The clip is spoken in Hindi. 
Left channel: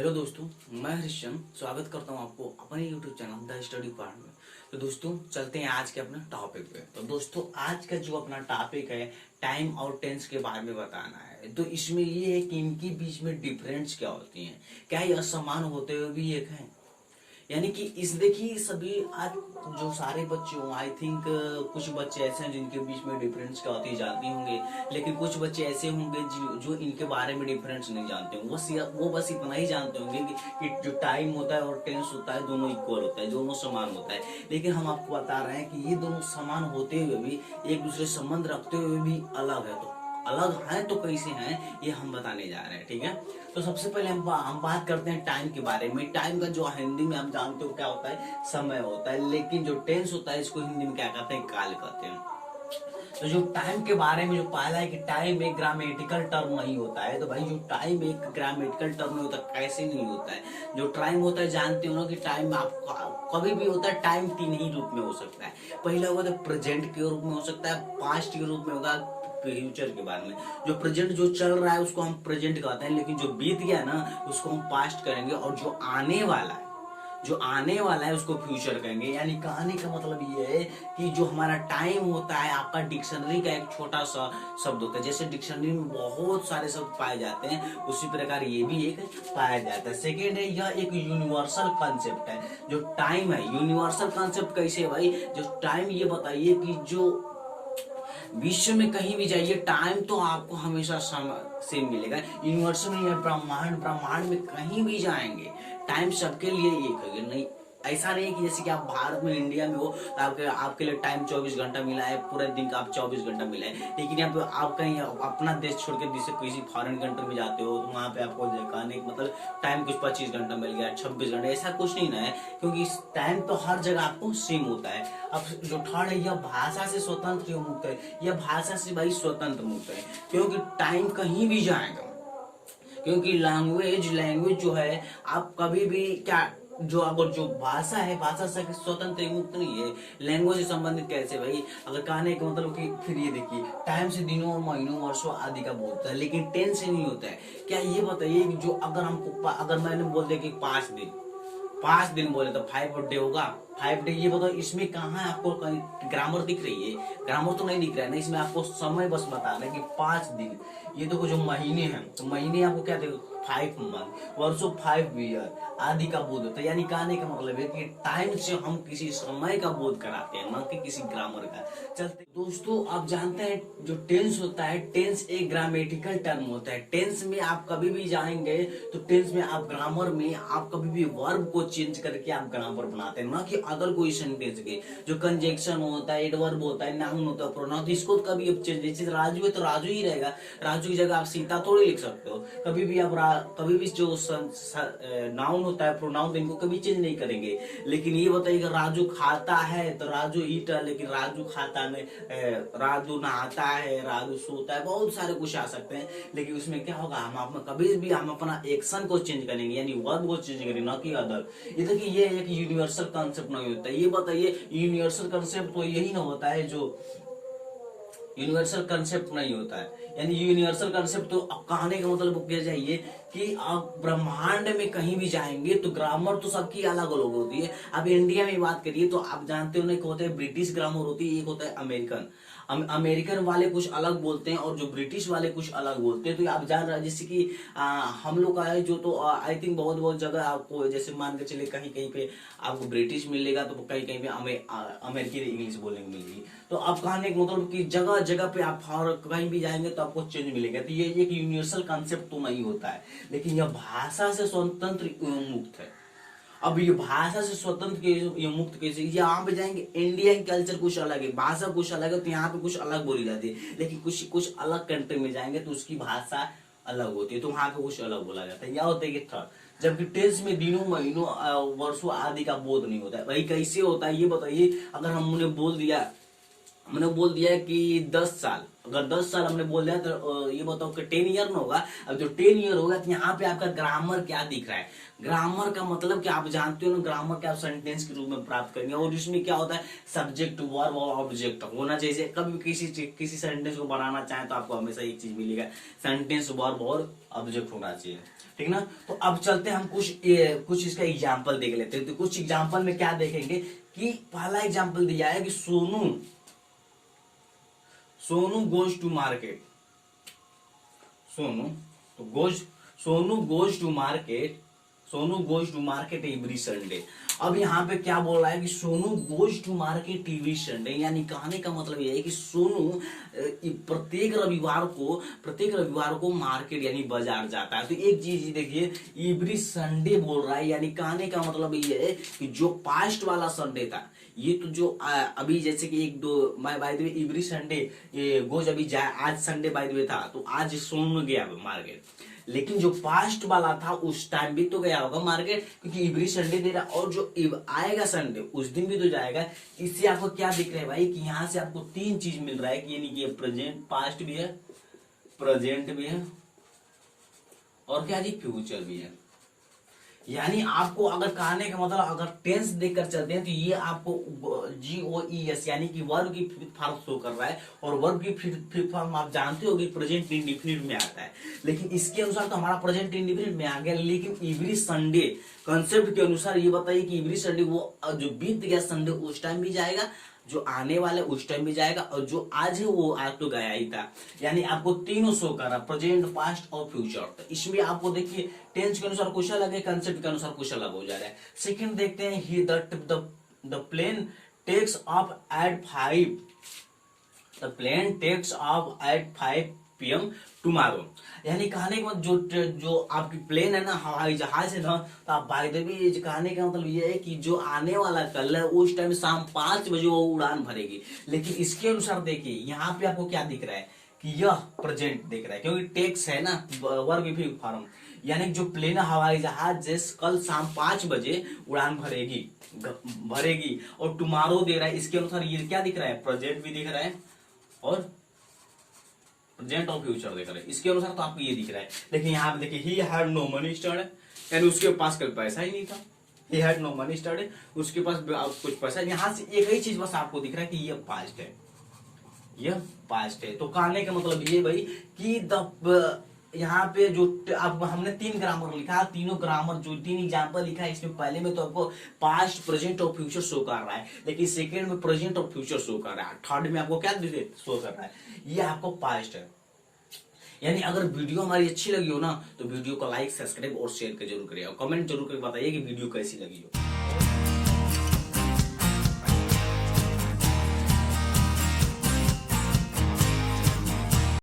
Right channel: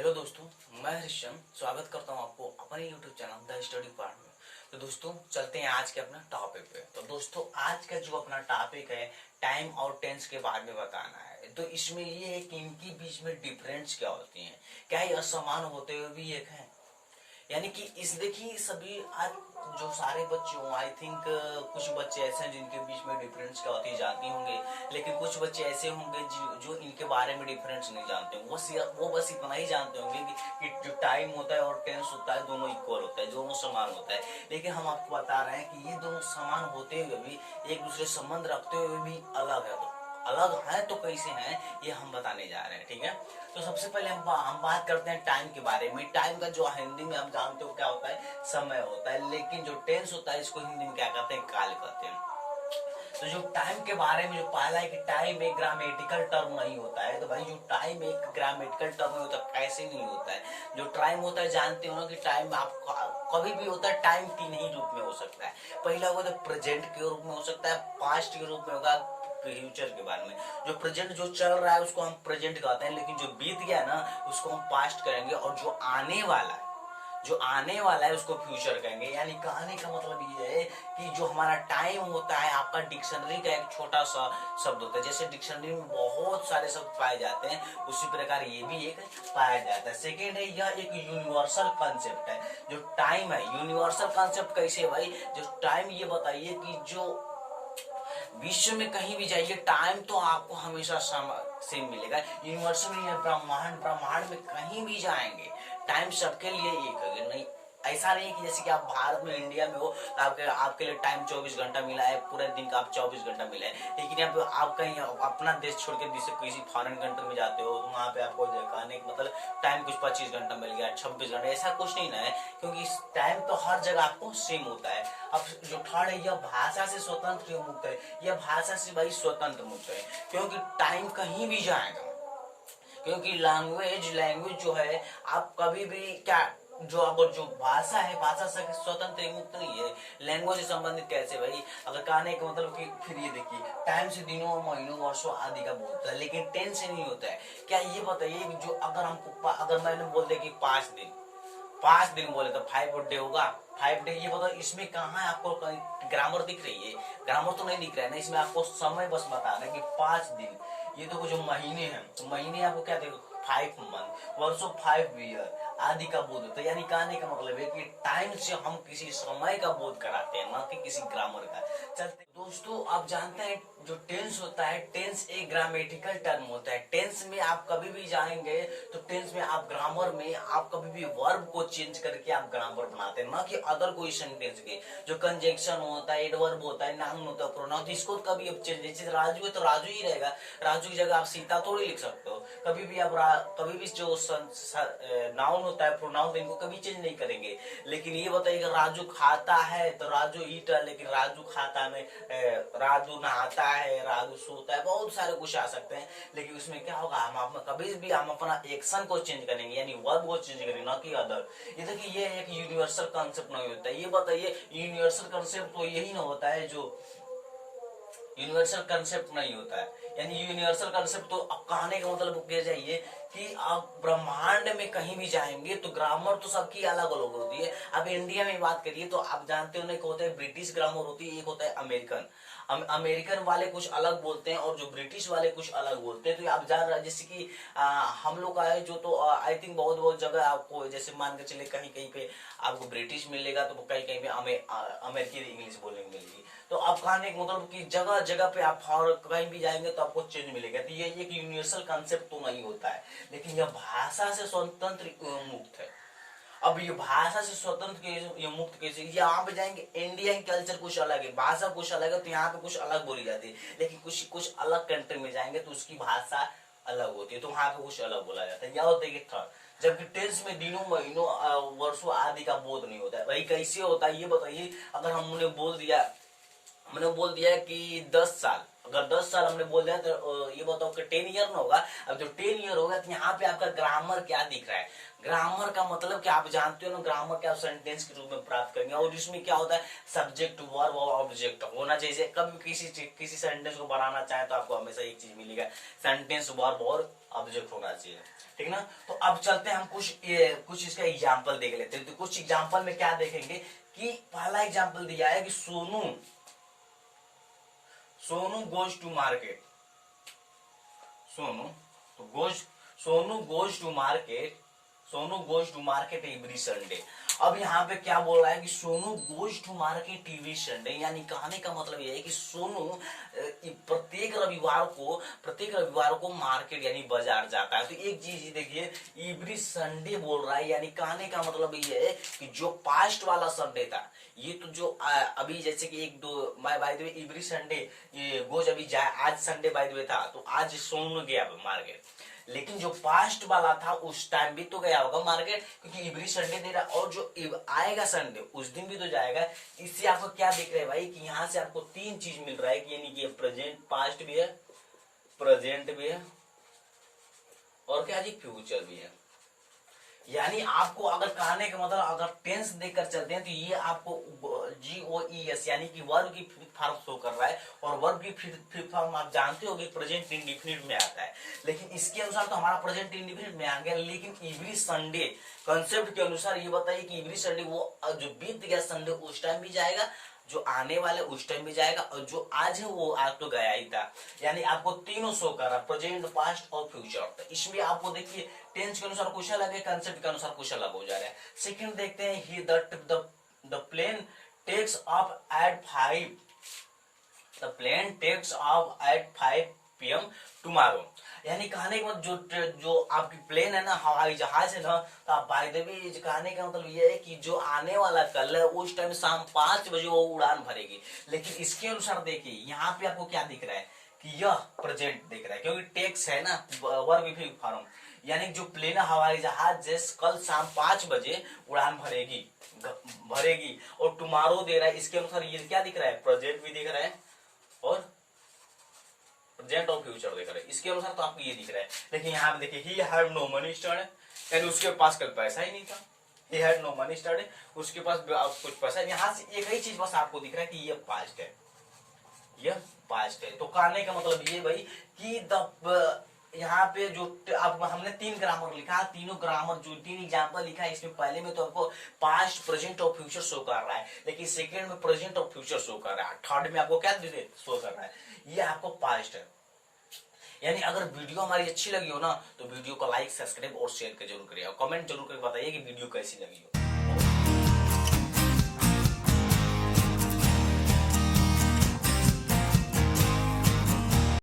हेलो दोस्तों, मैं हरिश्चंद स्वागत करता हूं आपको अपने YouTube channel the study part में। तो दोस्तों चलते हैं आज के अपना टॉपिक पे। तो दोस्तों आज का जो अपना टॉपिक है टाइम और टेंस के बारे में बताना है। तो इसमें ये है कि इनके बीच में डिफरेंस क्या होती है, क्या ये असमान होते हुए भी एक है। यानी कि इस देखिए सभी आज जो सारे बच्चे हों, आई थिंक कुछ बच्चे ऐसे हैं जिनके बीच में डिफरेंस क्या होती है जानती होंगे, लेकिन कुछ बच्चे ऐसे होंगे जो इनके बारे में डिफरेंस नहीं जानते होंगे। वो बस इतना ही जानते होंगे कि जो टाइम होता है और टेंस होता है दोनों इक्वल होता है, दोनों समान होता है। लेकिन हम आपको बता रहे हैं कि ये दोनों समान होते हुए भी एक दूसरे संबंध रखते हुए भी अलग है। तो अलग है तो कैसे हैं ये हम बताने जा रहे हैं, ठीक है। तो सबसे पहले हम बात करते हैं टाइम के बारे में। टाइम का जो हिंदी में हम जानते हो क्या होता है, समय होता है। लेकिन जो टेंस होता है इसको हिंदी में क्या कहते हैं, काल कहते हैं। तो जो टाइम के बारे में जो पहला है कि टाइम एक ग्रामेटिकल टर्म नहीं होता है। तो भाई जो टाइम एक ग्रामेटिकल टर्म नहीं होता, कैसे नहीं होता है। जो टाइम होता है जानते हो ना कि टाइम आप कभी भी होता है। टाइम तीन ही रूप में हो सकता है। पहला होगा तो प्रेजेंट के रूप में हो सकता है, पास्ट के रूप में होगा, फ्यूचर के बारे में। जो प्रेजेंट जो चल रहा है उसको हम प्रेजेंट कहते हैं, लेकिन जो बीत गया ना उसको हम पास्ट करेंगे। और जो आने वाला है उसको फ्यूचर कहेंगे। यानी कहने का मतलब ये है कि जो हमारा टाइम होता है आपका डिक्शनरी का एक छोटा सा शब्द होता है। जैसे डिक्शनरी में बहुत सारे शब्द पाए जाते हैं, उसी प्रकार ये भी एक पाया जाता है। सेकेंड है, यह एक यूनिवर्सल कॉन्सेप्ट है। जो टाइम है यूनिवर्सल कॉन्सेप्ट कैसे है भाई, जो टाइम ये बताइए कि जो विश्व में कहीं भी जाइए टाइम तो आपको हमेशा सेम मिलेगा। यूनिवर्स में या ब्रह्मांड में कहीं भी जाएंगे टाइम सबके लिए एक है। नहीं ऐसा नहीं कि जैसे कि आप भारत में इंडिया में हो तो आपके लिए टाइम 24 घंटा मिला है, पूरे दिन का आप 24 घंटा मिला है। लेकिन यहाँ आप कहीं अपना देश छोड़ के किसी फॉरेन कंट्री में जाते हो तो वहां पे आपको कहने मतलब टाइम कुछ 25 घंटा मिल गया, 26 घंटा, ऐसा कुछ नहीं ना है। क्योंकि टाइम तो हर जगह आपको सेम होता है। अब जो थर्ड है, यह भाषा से स्वतंत्र मुक्त है। यह भाषा से भाई स्वतंत्र मुक्त है, क्योंकि टाइम कहीं भी जाएगा। क्योंकि लैंग्वेज जो है आप कभी भी क्या जो अगर जो भाषा है भाषा से स्वतंत्र मुक्त नहीं है। लैंग्वेज से संबंधित कैसे भाई, अगर कहने का मतलब कि फिर ये देखिए टाइम से दिनों महीनों वर्षों आदि का बोलता है, लेकिन टेंस से नहीं होता है। क्या ये बताइए कि जो अगर मैंने बोल दिया कि 5 दिन बोले तो 5 डे होगा। 5 डे ये बताओ इसमें कहाँ है आपको ग्रामर दिख रही है? ग्रामर तो नहीं दिख रहा है ना, इसमें आपको समय बस बता रहा है कि 5 दिन। ये देखो जो महीने हैं तो महीने आपको क्या देखो 5 मंथ, वर्षों 5 ईयर आदि का बोध होता है। यानी कहने का मतलब है कि टाइम से हम किसी समय का बोध कराते हैं, न कि किसी ग्रामर का। चलते दोस्तों आप जानते हैं जो टेंस होता है, टेंस एक ग्रामेटिकल टर्म होता है। टेंस में आप कभी भी जाएंगे तो टेंस में आप ग्रामर में आप कभी भी वर्ब को चेंज करके आप ग्रामर बनाते हैं, ना कि अदर कोई सेंटेंस के। जो कंजक्शन होता है, एडवर्ब होता है, नाउन होता है, प्रोनाउन, तो इसको कभी अब चेंज, जैसे राजू है तो राजू ही रहेगा। राजू की जगह आप सीता थोड़ी लिख सकते हो। कभी भी जो नाउन होता है, प्रोनाउन, इनको कभी चेंज नहीं करेंगे। लेकिन ये बताइए राजू खाता है तो राजू ईट है, लेकिन राजू खाता में राजू नहाता है, राजू सोता है, बहुत सारे कुछ आ सकते हैं। लेकिन उसमें क्या होगा, हम कभी भी हम अपना एक्शन को चेंज करेंगे, यानी वर्ब को चेंज करेंगे, ना कि अदर। ये देखिए ये एक यूनिवर्सल कॉन्सेप्ट नहीं होता। ये बताइए यूनिवर्सल कॉन्सेप्ट तो यही ना होता है जो यूनिवर्सल कंसेप्ट नहीं होता है। यानी यूनिवर्सल कंसेप्ट तो अब कहने का मतलब क्या चाहिए कि आप ब्रह्मांड में कहीं भी जाएंगे तो ग्रामर तो सबकी अलग अलग होती है। अब इंडिया में बात करिए तो आप जानते हो ना, एक होता है ब्रिटिश ग्रामर होती है, एक होता है अमेरिकन। अमेरिकन वाले कुछ अलग बोलते हैं और जो ब्रिटिश वाले कुछ अलग बोलते हैं। तो आप जान रहे हैं जैसे कि हम लोग का है जो, तो आई थिंक बहुत बहुत जगह आपको जैसे मान के चले कहीं कहीं पे आपको ब्रिटिश मिलेगा तो कहीं कहीं पे अमेरिकी इंग्लिश बोलने को मिलेगी। तो आप कहने का मतलब कि जगह जगह पे आप कहीं भी जाएंगे तो आपको चेंज मिलेगा। तो ये एक यूनिवर्सल कॉन्सेप्ट तो नहीं होता है, लेकिन यह भाषा से स्वतंत्र एवं मुक्त है। अब ये भाषा से स्वतंत्र ये मुक्त कैसे, यहाँ पे जाएंगे इंडिया की कल्चर कुछ अलग है, भाषा कुछ अलग है, तो यहाँ पे कुछ अलग बोली जाती है। लेकिन कुछ अलग कंट्री में जाएंगे तो उसकी भाषा अलग होती है, तो वहां पे कुछ अलग बोला जाता है। यह होता है कि थर्ड, जबकि टेंस में दिनों महीनों वर्षों आदि का बोध नहीं होता है। भाई कैसे होता है ये बताइए। अगर हमने बोल दिया कि 10 साल, अगर 10 साल हमने बोल दिया तो ये बताओ कि 10 ईयर ना होगा। अब जो 10 ईयर होगा तो यहाँ पे आपका ग्रामर क्या दिख रहा है। ग्रामर का मतलब कि आप जानते हो ना, ग्रामर क्या आप सेंटेंस के रूप में प्राप्त करेंगे, और इसमें क्या होता है सब्जेक्ट वर्ब और ऑब्जेक्ट होना चाहिए। कभी किसी सेंटेंस को बनाना चाहे तो आपको हमेशा एक चीज मिलेगा, सेंटेंस वर्ब और ऑब्जेक्ट होना चाहिए, ठीक ना। तो अब चलते हैं हम कुछ इसका एग्जाम्पल देख लेते हैं। तो कुछ एग्जाम्पल में क्या देखेंगे कि पहला एग्जाम्पल दिया है कि Sonu goes to market. Sonu goes to market every Sunday. अब यहाँ पे क्या बोल रहा है कि Sonu goes to market every Sunday, यानी कहने का मतलब यह है कि सोनू प्रत्येक रविवार को मार्केट यानी बाजार जाता है। तो एक चीज देखिए, एवरी संडे बोल रहा है, यानी कहने का मतलब ये है कि जो पास्ट वाला संडे था, ये तो जो अभी जैसे कि एक दो by the way every Sunday goes अभी जाए, आज संडे बाय द वे था तो आज सोनू गया मार्केट, लेकिन जो पास्ट वाला था उस टाइम भी तो गया होगा मार्केट, क्योंकि एवरी संडे दे रहा, और जो आएगा संडे उस दिन भी तो जाएगा। इससे आपको क्या दिख रहा है भाई कि यहाँ से आपको 3 चीज मिल रहा है कि यानी कि प्रेजेंट, पास्ट भी है, प्रेजेंट भी है, और क्या जी फ्यूचर भी है। यानी आपको अगर कहने का मतलब अगर टेंस देखकर चलते हैं तो ये आपको GOES यानी कि वर्ब की फिफ्थ फॉर्म शो कर रहा है, और वर्ब की फिफ्थ फॉर्म आप जानते हो प्रेजेंट इंडिफिनिट में आता है। लेकिन इसके अनुसार तो हमारा प्रेजेंट इंडिफिनिट में आ गया, लेकिन एवरी संडे कंसेप्ट के अनुसार ये बताइए कि एवरी संडे वो जो बीत गया संडे उस टाइम भी जाएगा, जो आने वाले उस टाइम भी जाएगा, और जो आज है वो आज तो गया ही था। यानी आपको तीनों शो कर रहा, प्रेजेंट, पास्ट और फ्यूचर। तो इसमें आपको देखिए टेंस के अनुसार कुछ अलग है, कंसेप्ट के अनुसार कुछ अलग हो जा रहा है। सेकंड देखते हैं, ही the plane takes off at 5 the plane takes off at 5 PM tomorrow. यानी कहने का मतलब जो आपकी प्लेन है ना, हवाई जहाज है ना, तो आप बाय द वे कहने का मतलब ये है कि जो आने वाला कल है उस टाइम शाम 5 बजे वो उड़ान भरेगी। लेकिन इसके अनुसार देखिए यहाँ पे आपको क्या दिख रहा है कि यह प्रेजेंट दिख रहा है, क्योंकि टेक्स है ना वर्ब भी फॉर्म, यानी जो प्लेन हवाई जहाज जैसे कल शाम 5 बजे उड़ान भरेगी, और टुमारो दे रहा है। इसके अनुसार ये क्या दिख रहा है, प्रेजेंट भी दिख रहा है और प्रेजेंट और फ्यूचर दिख रहा है। इसके अनुसार तो आपको ये दिख रहा है। लेकिन यहाँ पे देखिए, he had no money started, यानी उसके पास कल पैसा ही नहीं था। He had no money started, उसके पास कुछ पैसा। यहाँ से एक ही चीज बस आपको दिख रहा है कि ये पास्ट है, यह पास्ट है। तो कहने का मतलब ये भाई कि यहाँ पे जो अब हमने 3 ग्रामर लिखा, तीनों ग्रामर जो 3 एग्जाम्पल लिखा है, इसमें पहले में तो आपको पास्ट, प्रेजेंट और फ्यूचर शो कर रहा है, लेकिन सेकंड में प्रेजेंट और फ्यूचर शो कर रहा है, थर्ड में आपको क्या शो कर रहा है, ये आपको पास्ट है। यानी अगर वीडियो हमारी अच्छी लगी हो ना तो वीडियो को लाइक, सब्सक्राइब और शेयर कर जरूर करिए, और कमेंट जरूर करके बताइए कि वीडियो कैसी लगी हो।